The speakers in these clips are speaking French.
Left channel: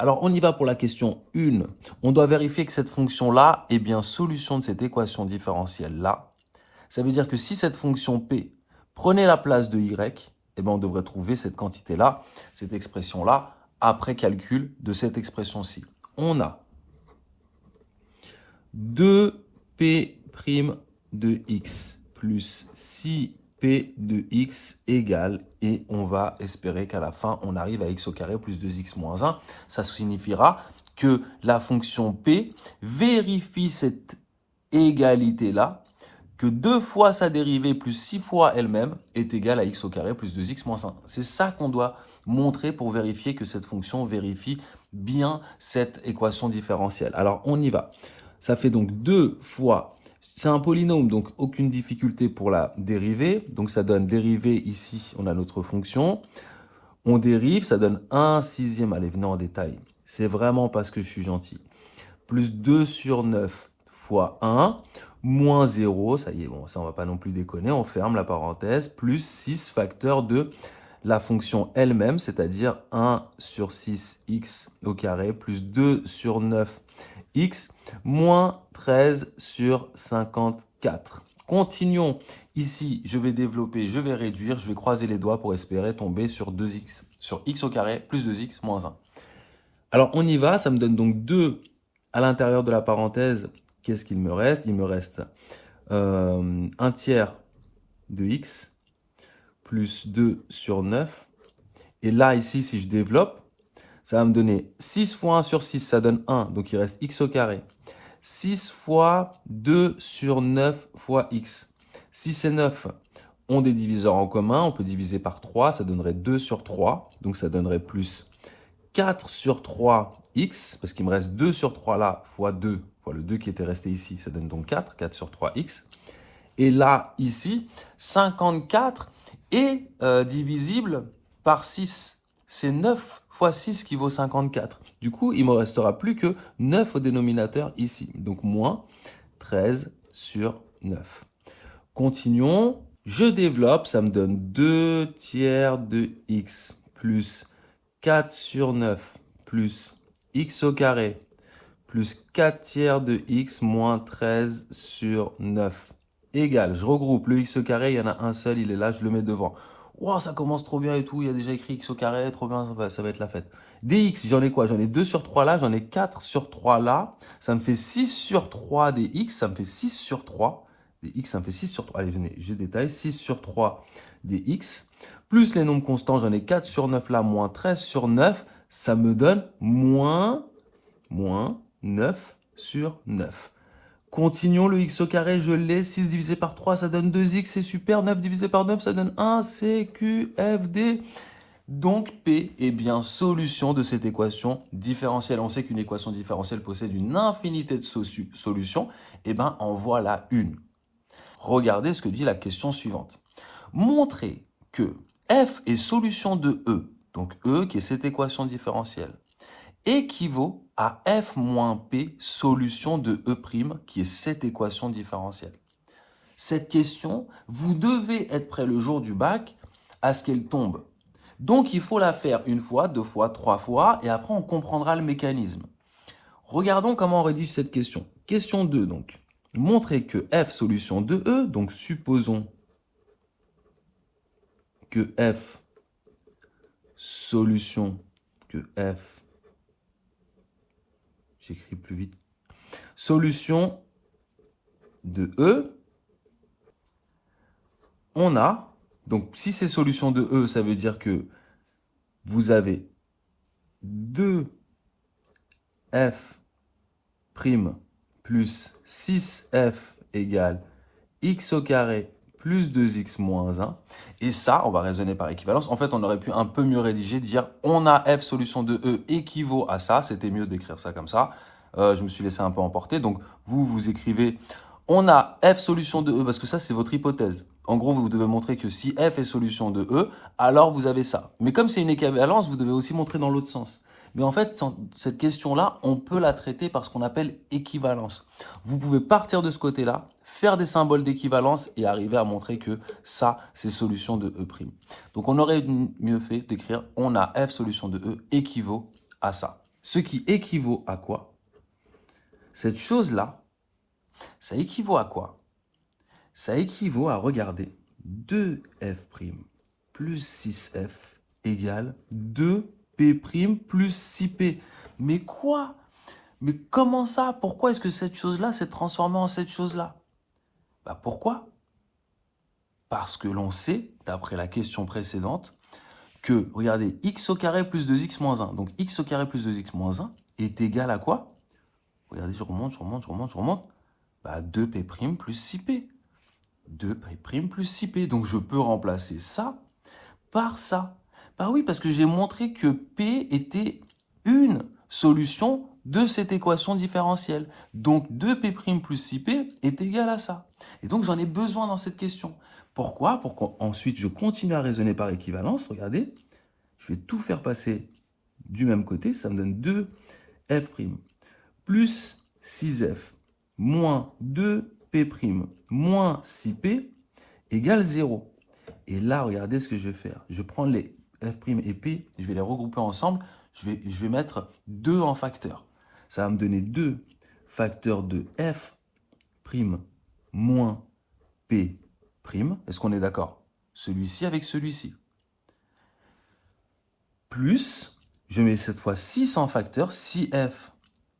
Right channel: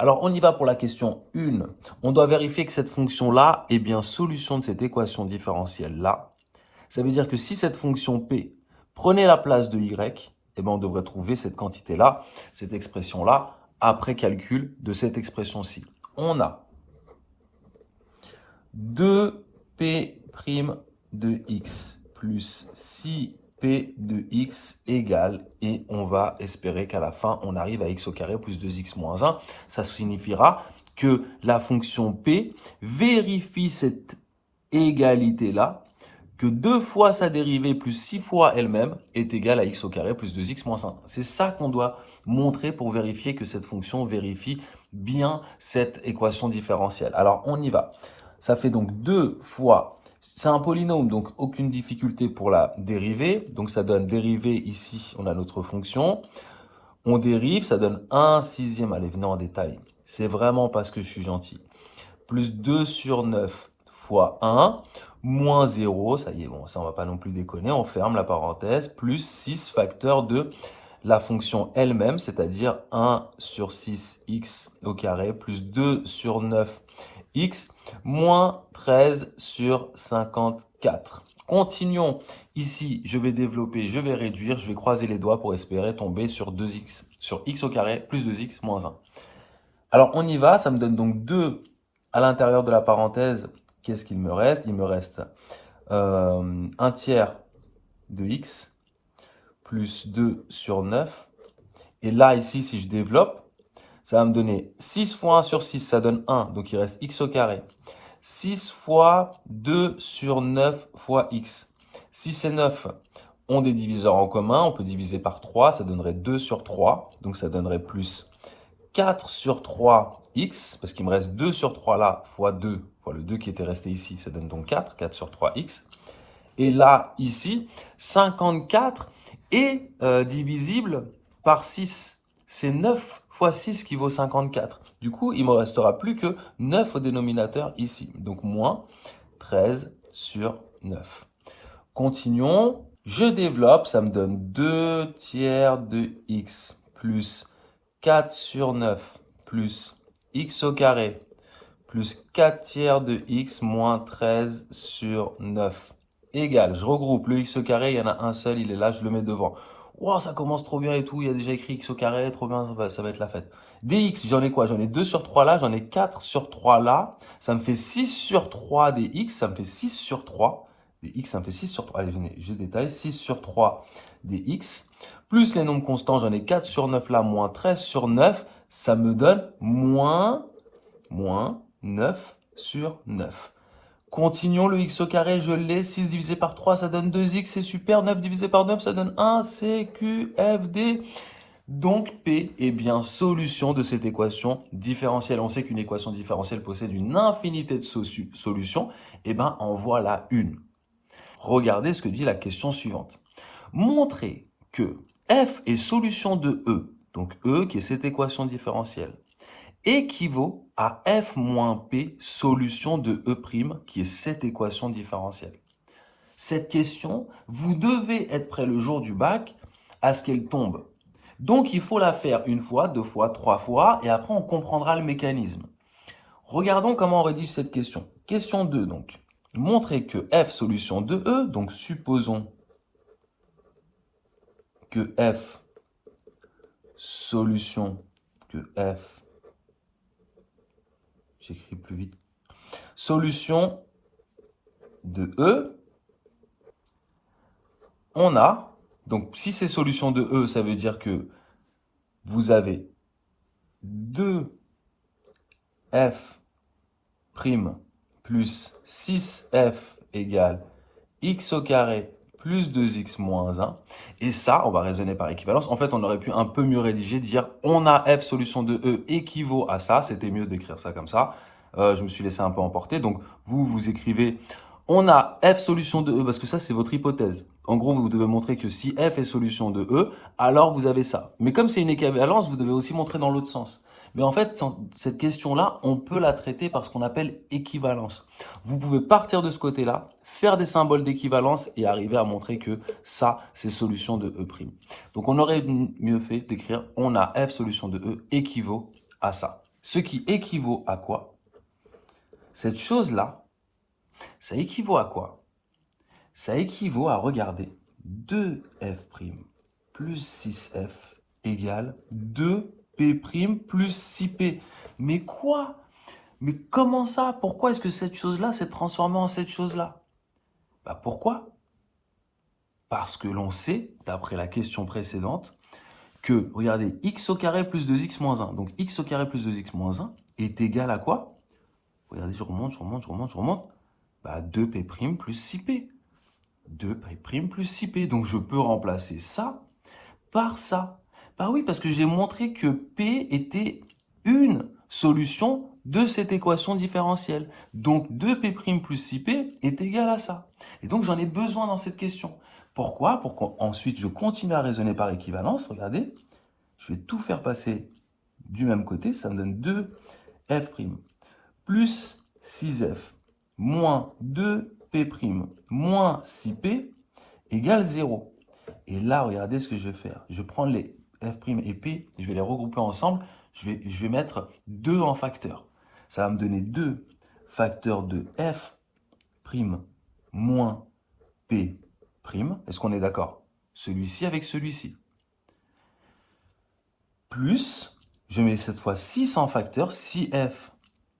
Alors, on y va pour la question 1. On doit vérifier que cette fonction-là est bien solution de cette équation différentielle-là. Ça veut dire que si cette fonction P prenait la place de Y, eh bien, on devrait trouver cette quantité-là, cette expression-là, après calcul de cette expression-ci. On a 2P' de X plus 6P de X égale, et on va espérer qu'à la fin, on arrive à X au carré plus 2X moins 1. Ça signifiera que la fonction P vérifie cette égalité-là, que 2 fois sa dérivée plus 6 fois elle-même est égale à X au carré plus 2X moins 1. C'est ça qu'on doit montrer pour vérifier que cette fonction vérifie bien cette équation différentielle. Alors, on y va. Ça fait donc 2 fois, c'est un polynôme, donc aucune difficulté pour la dériver. Donc, ça donne dérivée ici, on a notre fonction. On dérive, ça donne 1 sixième. Allez, venez en détail. C'est vraiment parce que je suis gentil. Plus 2 sur 9 fois 1, moins 0. Ça y est, bon, ça, on va pas non plus déconner. On ferme la parenthèse. Plus 6 facteur de la fonction elle-même, c'est-à-dire 1 sur 6 x au carré, plus 2 sur 9 x, moins 13 sur 54. Continuons. Ici, je vais développer, je vais réduire, je vais croiser les doigts pour espérer tomber sur 2x, sur x au carré, plus 2x, moins 1. Alors, on y va. Ça me donne donc 2 à l'intérieur de la parenthèse. Qu'est-ce qu'il me reste? Il me reste 1 tiers de x plus 2 sur 9. Et là, ici, si je développe, ça va me donner 6 fois 1 sur 6, ça donne 1. Donc, il reste x au carré. 6 fois 2 sur 9 fois x. 6 et 9 ont des diviseurs en commun. On peut diviser par 3. Ça donnerait 2 sur 3. Donc, ça donnerait plus 4 sur 3x. Parce qu'il me reste 2 sur 3 là, fois 2, fois le 2 qui était resté ici. Ça donne donc 4. 4 sur 3x. Et là, ici, 54 est divisible par 6. C'est 9 fois 6 qui vaut 54. Du coup, il ne me restera plus que 9 au dénominateur ici. Donc, moins 13 sur 9. Continuons. Je développe, ça me donne 2 tiers de x plus 4 sur 9 plus x au carré plus 4 tiers de x moins 13 sur 9 égale. Je regroupe le x au carré, il y en a un seul, il est là, je le mets devant. Wow, ça commence trop bien et tout, il y a déjà écrit x au carré, trop bien, ça va être la fête. Dx, j'en ai quoi? J'en ai 2 sur 3 là, j'en ai 4 sur 3 là. Ça me fait 6 sur 3 dx, ça me fait 6 sur 3. Dx, ça me fait 6 sur 3. Allez, venez, je détaille. 6 sur 3 dx. Plus les nombres constants, j'en ai 4 sur 9 là, moins 13 sur 9. Ça me donne moins 9 sur 9. Continuons, le x au carré, je l'ai. 6 divisé par 3, ça donne 2x, c'est super. 9 divisé par 9, ça donne 1, C, Q, F, D. Donc, P est bien solution de cette équation différentielle. On sait qu'une équation différentielle possède une infinité de solutions. Eh bien, en voilà une. Regardez ce que dit la question suivante. Montrez que F est solution de E, donc E qui est cette équation différentielle, équivaut à F moins P solution de E', qui est cette équation différentielle. Cette question, vous devez être prêt le jour du bac à ce qu'elle tombe. Donc, il faut la faire une fois, 2 fois, 3 fois, et après, on comprendra le mécanisme. Regardons comment on rédige cette question. Question 2, donc. Montrez que F solution de E, donc supposons que F solution que F, j'écris plus vite, solution de E, on a, donc si c'est solution de E, ça veut dire que vous avez 2F' plus 6F égale x au carré plus 2x moins 1. Et ça, on va raisonner par équivalence. En fait, on aurait pu un peu mieux rédiger, dire on a F solution de E équivaut à ça. C'était mieux d'écrire ça comme ça. Je me suis laissé un peu emporter. Donc, vous écrivez on a F solution de E, parce que ça, c'est votre hypothèse. En gros, vous devez montrer que si F est solution de E, alors vous avez ça. Mais comme c'est une équivalence, vous devez aussi montrer dans l'autre sens. Mais en fait, cette question-là, on peut la traiter par ce qu'on appelle équivalence. Vous pouvez partir de ce côté-là, faire des symboles d'équivalence et arriver à montrer que ça, c'est solution de E'. Donc, on aurait mieux fait d'écrire on a F solution de E équivaut à ça. Ce qui équivaut à quoi? Cette chose-là, ça équivaut à quoi? Ça équivaut à regarder 2f' plus 6f égale 2p' plus 6p. Mais quoi? Mais comment ça? Pourquoi est-ce que cette chose-là s'est transformée en cette chose-là? Bah pourquoi? Parce que l'on sait, d'après la question précédente, que, regardez, x au carré plus 2x moins 1. Donc, x au carré plus 2x moins 1 est égal à quoi? Regardez, je remonte. Bah, 2p' plus 6p. 2p' plus 6p. Donc, je peux remplacer ça par ça. Bah oui, parce que j'ai montré que p était une solution de cette équation différentielle. Donc, 2p' plus 6p est égal à ça. Et donc, j'en ai besoin dans cette question. Pourquoi? Pour qu'ensuite, je continue à raisonner par équivalence. Regardez, je vais tout faire passer du même côté. Ça me donne 2f' plus 6f moins 2p' moins 6p égale 0. Et là, regardez ce que je vais faire. Je vais prendre les f' et p, je vais les regrouper ensemble. Je vais mettre 2 en facteur. Ça va me donner 2 facteurs de f' moins p'. Est-ce qu'on est d'accord? Celui-ci avec celui-ci. Plus, je mets cette fois 6 en facteur, 6f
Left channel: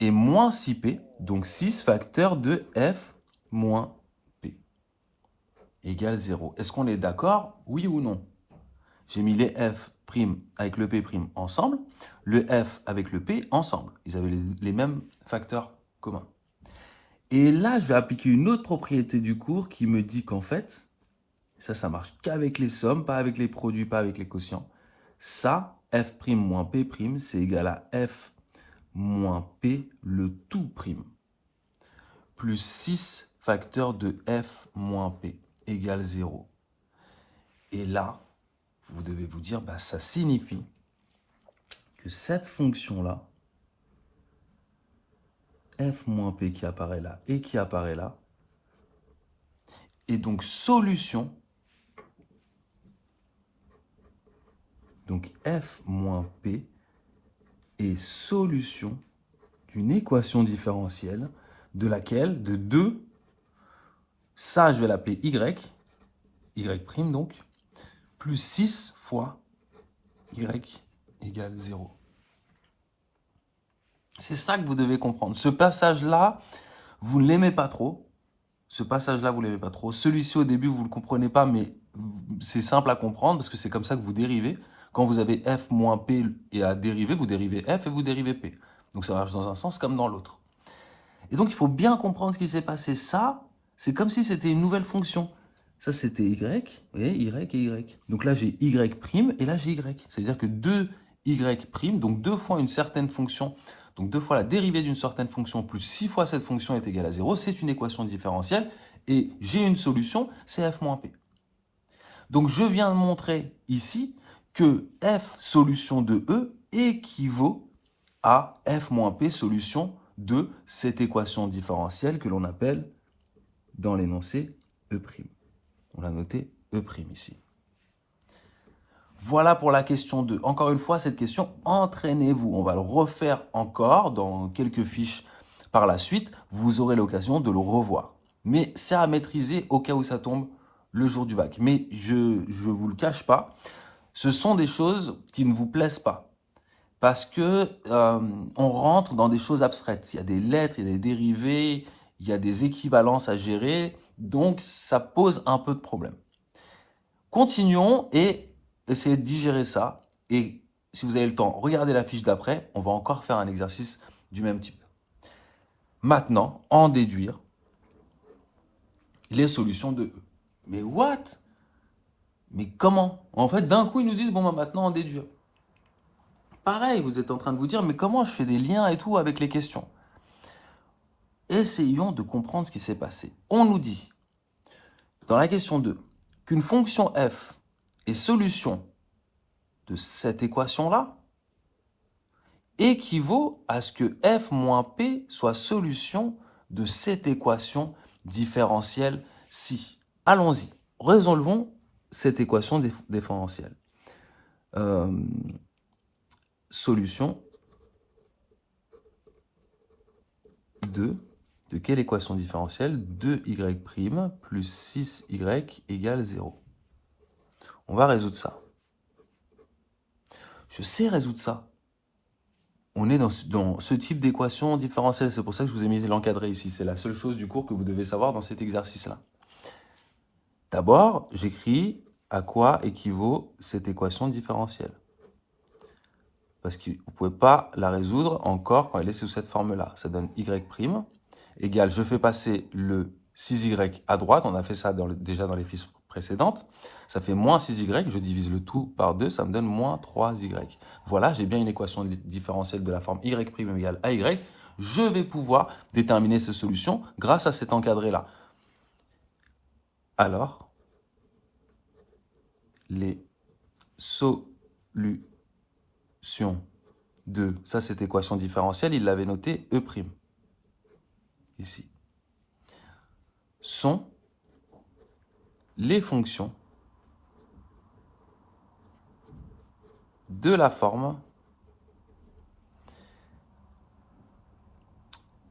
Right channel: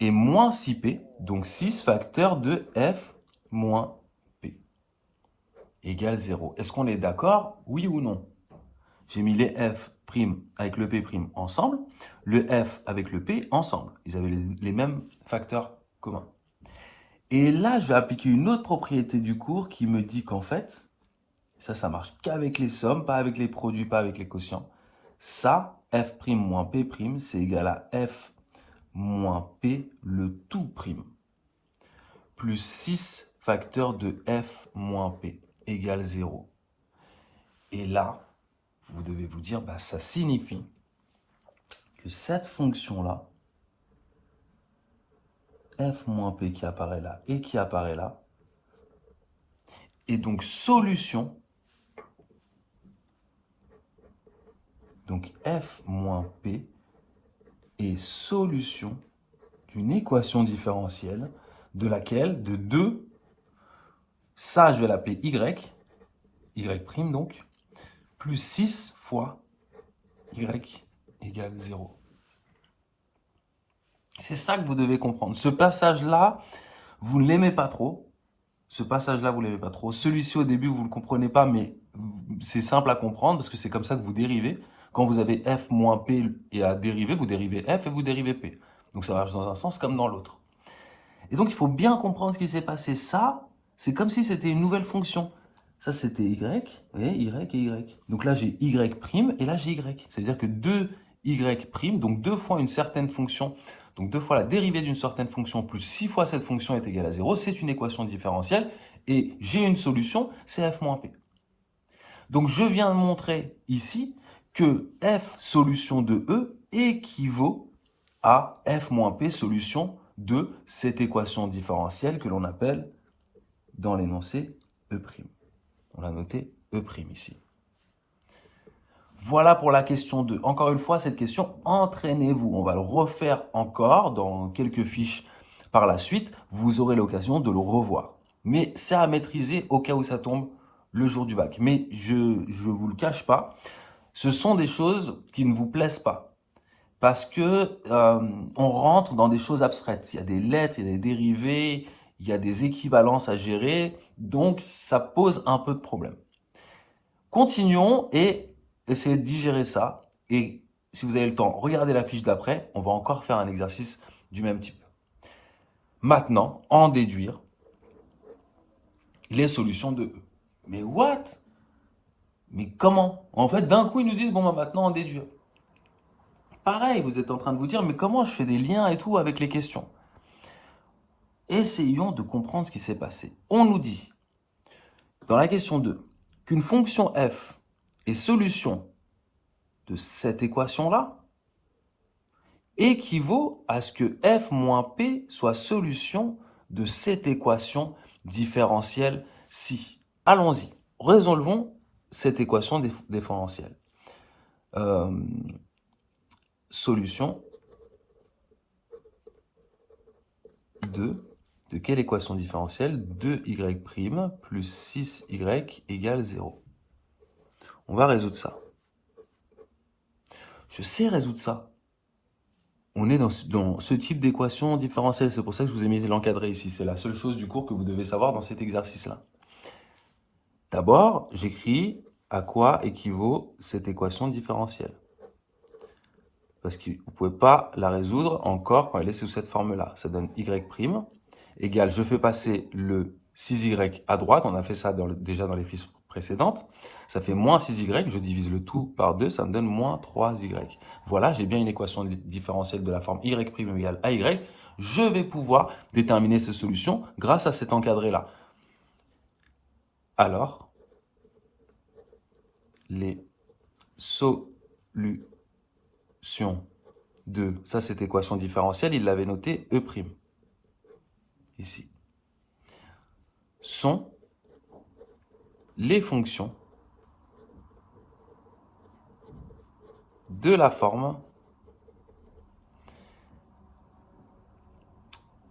et moins 6p, donc 6 facteurs de f moins p égale 0. Est-ce qu'on est d'accord? Oui ou non? J'ai mis les f' avec le p' ensemble, le f avec le p ensemble. Ils avaient les mêmes facteurs communs. Et là, je vais appliquer une autre propriété du cours qui me dit qu'en fait, ça marche qu'avec les sommes, pas avec les produits, pas avec les quotients. Ça, f' moins p', c'est égal à f moins p le tout prime. Plus 6 facteurs de f moins p égale 0. Et là, vous devez vous dire, bah, ça signifie que cette fonction-là, f moins p qui apparaît là et qui apparaît là, est donc solution. Donc f moins p est solution d'une équation différentielle de laquelle, de 2, ça je vais l'appeler y' donc, plus 6 fois y égale 0. C'est ça que vous devez comprendre. Ce passage-là, vous ne l'aimez pas trop. Celui-ci, au début, vous ne le comprenez pas, mais c'est simple à comprendre parce que c'est comme ça que vous dérivez. Quand vous avez f moins p et à dériver, vous dérivez f et vous dérivez p. Donc ça marche dans un sens comme dans l'autre. Et donc, il faut bien comprendre ce qui s'est passé. Ça, c'est comme si c'était une nouvelle fonction. Ça, c'était y, vous voyez, y et y. Donc là, j'ai y' et là, j'ai y. C'est-à-dire que 2y', donc 2 fois une certaine fonction, donc 2 fois la dérivée d'une certaine fonction plus 6 fois cette fonction est égale à 0, c'est une équation différentielle. Et j'ai une solution, c'est f moins p. Donc, je viens de montrer ici que f solution de E équivaut à f moins p solution de cette équation différentielle que l'on appelle dans l'énoncé E'. On a noté E' ici. Voilà pour la question 2. Encore une fois, cette question, entraînez-vous. On va le refaire encore dans quelques fiches par la suite. Vous aurez l'occasion de le revoir. Mais c'est à maîtriser au cas où ça tombe le jour du bac. Mais je ne vous le cache pas, ce sont des choses qui ne vous plaisent pas. Parce que on rentre dans des choses abstraites. Il y a des lettres, il y a des dérivés, il y a des équivalences à gérer. Donc, ça pose un peu de problème. Continuons et essayez de digérer ça. Et si vous avez le temps, regardez la fiche d'après. On va encore faire un exercice du même type. Maintenant, en déduire les solutions de E. Mais what? Mais comment? En fait, d'un coup, ils nous disent, bon, bah, maintenant, en déduire. Pareil, vous êtes en train de vous dire, mais comment je fais des liens et tout avec les questions? Essayons de comprendre ce qui s'est passé. On nous dit, dans la question 2, qu'une fonction f est solution de cette équation-là équivaut à ce que f moins p soit solution de cette équation différentielle-ci. Allons-y, résolvons cette équation différentielle. Solution de quelle équation différentielle? 2y' plus 6y égale 0. On va résoudre ça. Je sais résoudre ça. On est dans ce type d'équation différentielle. C'est pour ça que je vous ai mis l'encadré ici. C'est la seule chose du cours que vous devez savoir dans cet exercice-là. D'abord, j'écris à quoi équivaut cette équation différentielle. Parce que vous ne pouvez pas la résoudre encore quand elle est sous cette forme-là. Ça donne y' égale, je fais passer le 6y à droite. On a fait ça déjà dans les fiches précédentes. Ça fait moins 6y, je divise le tout par 2, ça me donne moins 3y. Voilà, j'ai bien une équation différentielle de la forme y' égale ay. Je vais pouvoir déterminer ces solutions grâce à cet encadré-là. Alors, les solutions de, ça c'est équation différentielle, il l'avait noté E', ici, sont les fonctions de la forme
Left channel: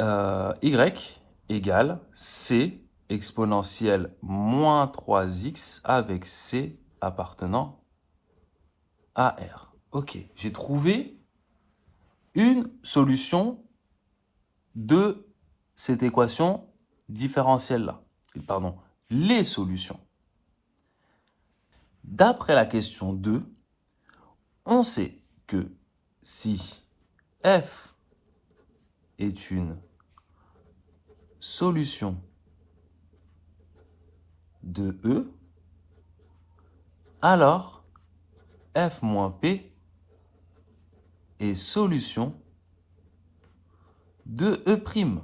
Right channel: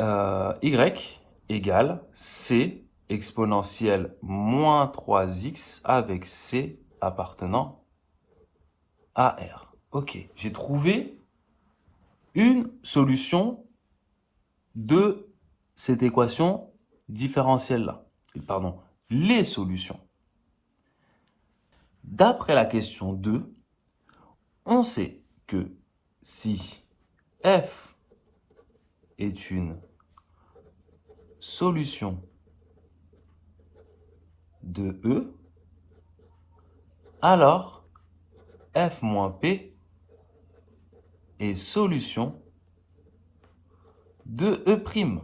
y égale c exponentielle moins 3x avec c appartenant à R. Ok, j'ai trouvé une solution de cette équation différentielle-là. Pardon, les solutions. D'après la question 2, on sait que si f est une solution de E, alors f moins p est solution de E'.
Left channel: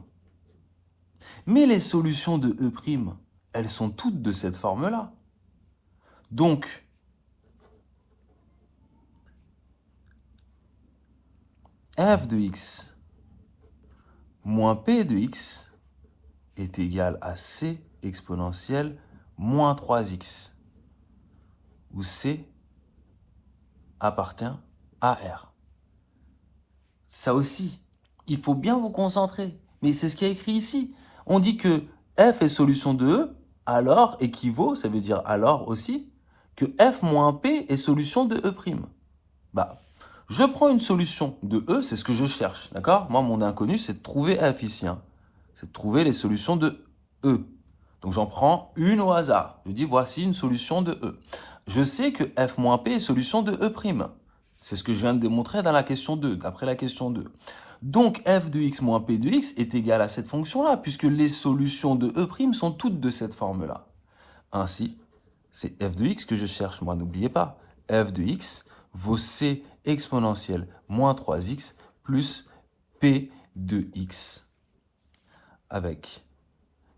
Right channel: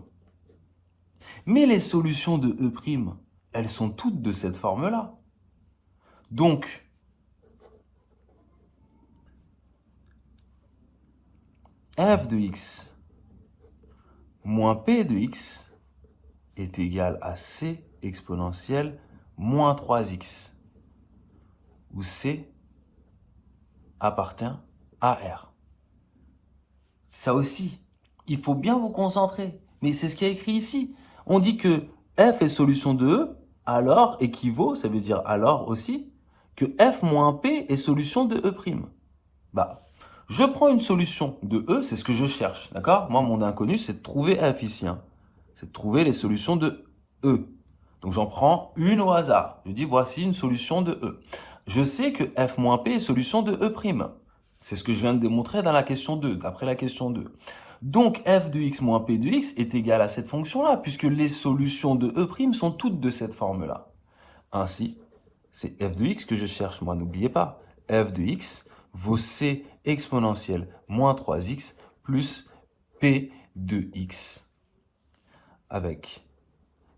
Mais les solutions de E', elles sont toutes de cette forme-là. Donc, f de x moins p de x est égal à c exponentielle moins 3x, où c appartient à R. Ça aussi, il faut bien vous concentrer. Mais c'est ce qui est écrit ici. On dit que f est solution de E, alors équivaut, ça veut dire alors aussi, que f moins p est solution de E'. Bah, je prends une solution de E, c'est ce que je cherche, d'accord? Moi, mon inconnu, c'est de trouver f ici. Hein. C'est de trouver les solutions de E. Donc, j'en prends une au hasard. Je dis, voici une solution de E. Je sais que f moins p est solution de E'. C'est ce que je viens de démontrer dans la question 2, d'après la question 2. Donc, f de x moins p de x est égal à cette fonction-là, puisque les solutions de E' sont toutes de cette forme-là. Ainsi, c'est f de x que je cherche, moi, n'oubliez pas. F de x vaut c exponentielle moins 3x plus p de x. Avec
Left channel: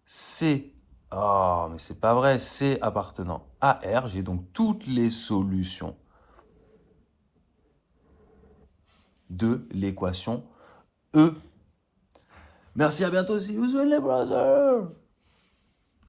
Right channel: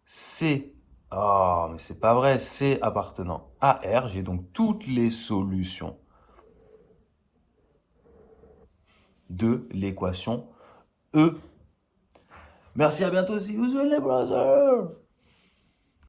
c, mais c'est pas vrai, c appartenant à R, j'ai donc toutes les solutions de l'équation E. Merci, à bientôt, see you soon les brothers.